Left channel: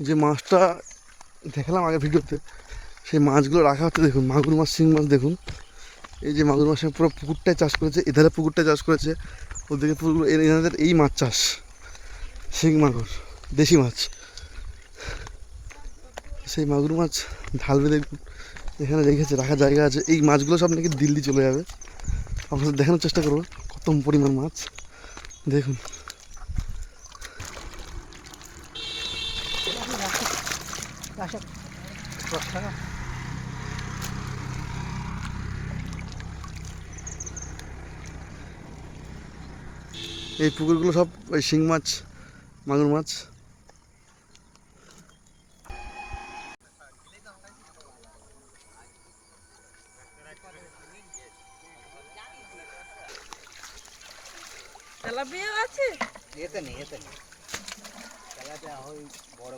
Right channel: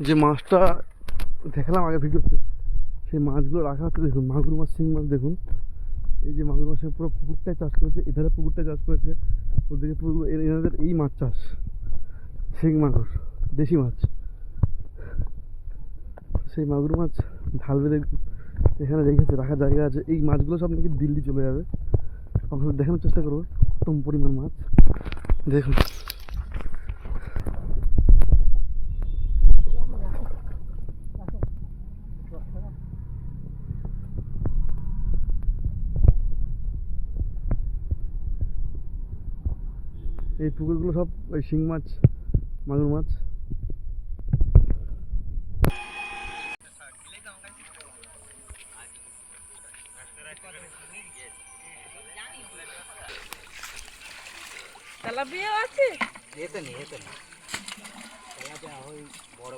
যে মাছটা দেখালাম আগে ভিডিওতে, সেই মাছগুলো রাখা হচ্ছে। দেখুন মাগুর মাছ, শিং মাছ দেখুন। এই যে মাগুর মাছের পুরো পুকুরটায় চাষ করেছে, এধারে পুকুরটায় চাষ করেছে, ওদিকে পুকুর, এনাদের এই মাছ চাষ, শিং মাগুর, দেশি মাছ। সেই মাগুর মাছ ঢালবে দেখুন, এখানে রেখেছে, রাখার জায়গা আছে। এই মাছগুলো সব নাকি দিল্লি চলে যাবে। আপনাদের দেখানোর চেষ্টা করবো কত পরিমাণ মাছ দেখুন। এই পুকুরগুলো সব ওই শিং মাছ, মাগুর মাছ। তেলাপিয়া আছে? এতে নেই তেলাপিয়া ওই বড়